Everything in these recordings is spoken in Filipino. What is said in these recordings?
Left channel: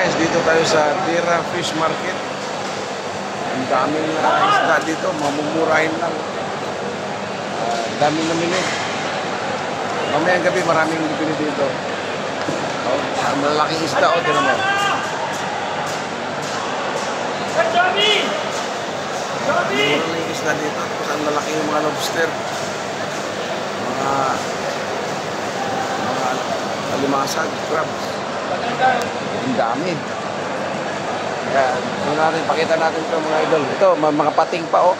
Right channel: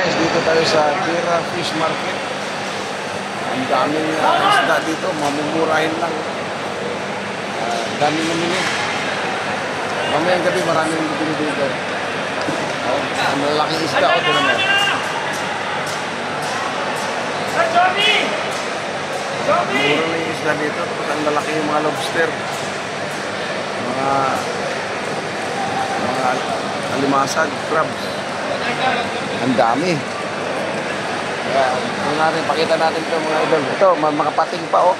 Guys, dito tayo sa Tira Fish Market. Ang daming isda dito, mamumurahin lang. Dami namili. Mamayang gabi maraming bibili dito. Oh, ang malaking isda, oh, tinan mo. Murang isda dito. Tapos ang lalaki yung mga lobster. Mga alimasag, crabs. Ang dami. Kaya, pakita natin ito mga idol. Ito, mga pating pa, oh.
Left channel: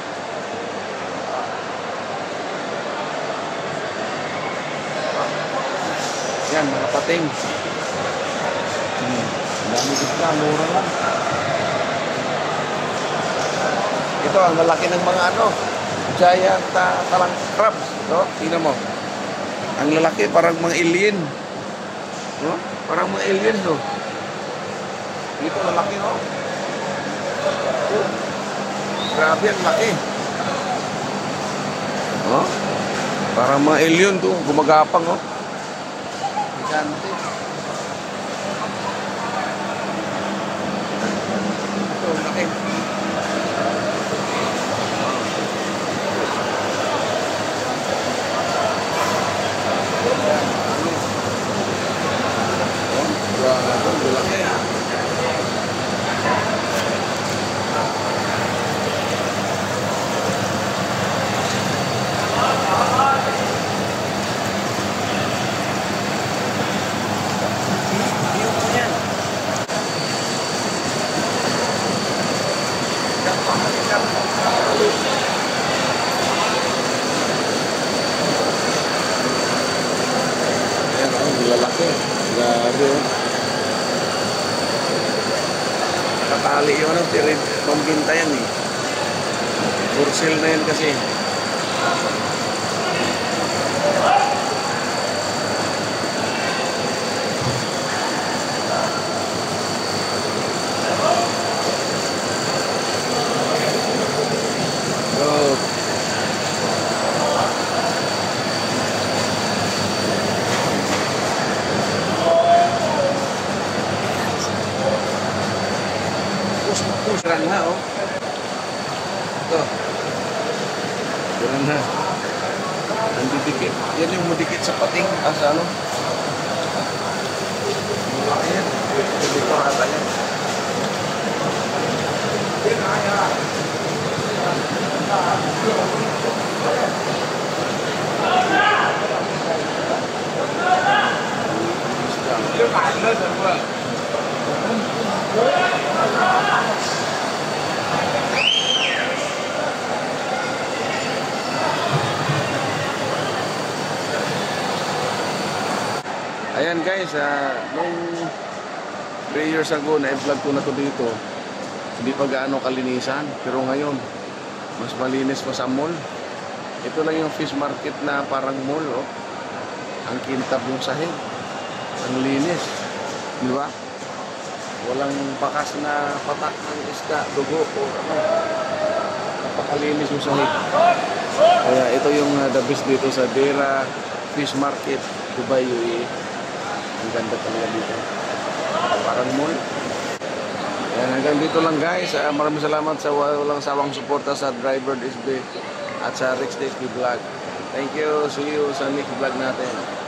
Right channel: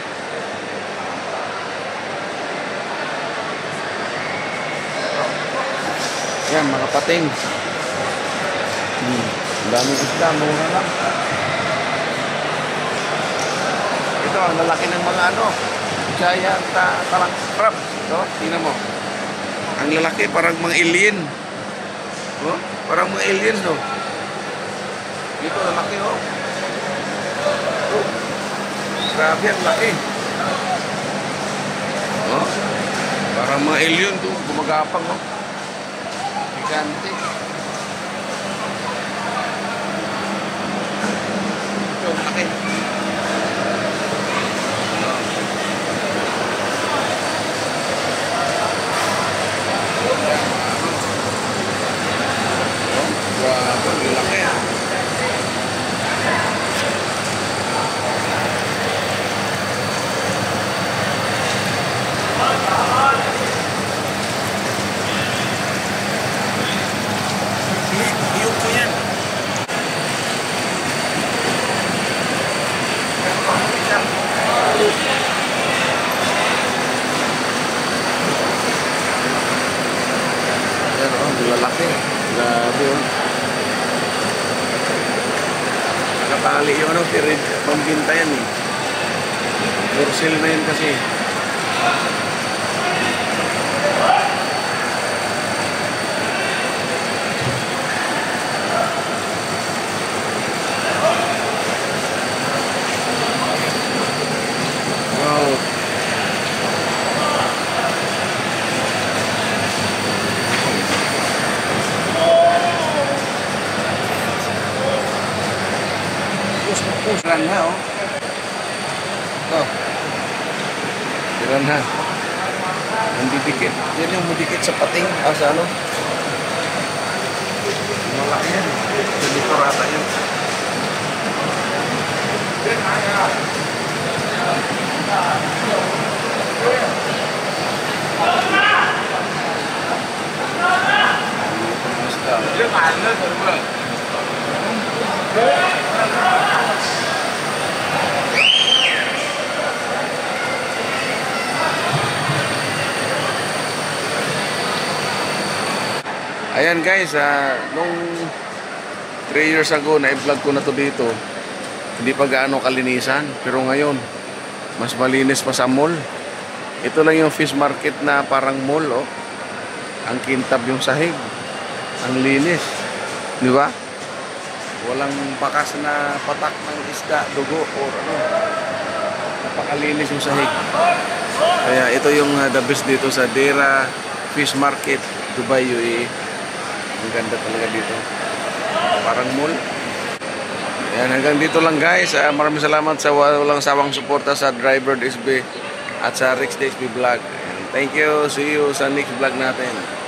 Yan, mga pating. Ang dami isda, mura lang. Ito, ang lalaki ng mga giant parang crabs. Oh, tingnan mo. Ang lalaki, parang mga alien. Oh, parang mga alien, no? Dito, lalaki, oh. Oh. Grabe, ang laki. Oh. Parang mga alien, to. Gumagapang, oh. Gigante. Ito, ang laki. Ang laki, ha? Iyok ko yan. Yan, oh, lalaki. Grabe, oh. Nakatali yung pambinta yan. For sale na yun kasi. Wow. Push-push na, oh. Ito. Tiran na. Ang didikit. Yan yung mudikit sa pating. Sa ano? Ayan. Hindi ko rata yun. Ayan guys, nung 3 years ago na-vlog ko na to dito. Hindi pa gaano kalinisan, pero ngayon mas malinis pa sa mall. Ito lang yung fish market na parang mall, oh. Ang kintab yung sahig. Ang linis. Di ba? Walang bakas na patak ng isda, dugo o ano. Napakalinis yung sahig. Kaya ito yung the best dito sa Tira Fish Market, Dubai, UAE. Ang ganda talaga dito. Parang mall. Ayan, hanggang dito lang guys. Maraming salamat sa walang sawang suporta sa Driver SB at sa Rex SB Vlog. Thank you. See you sa next vlog natin.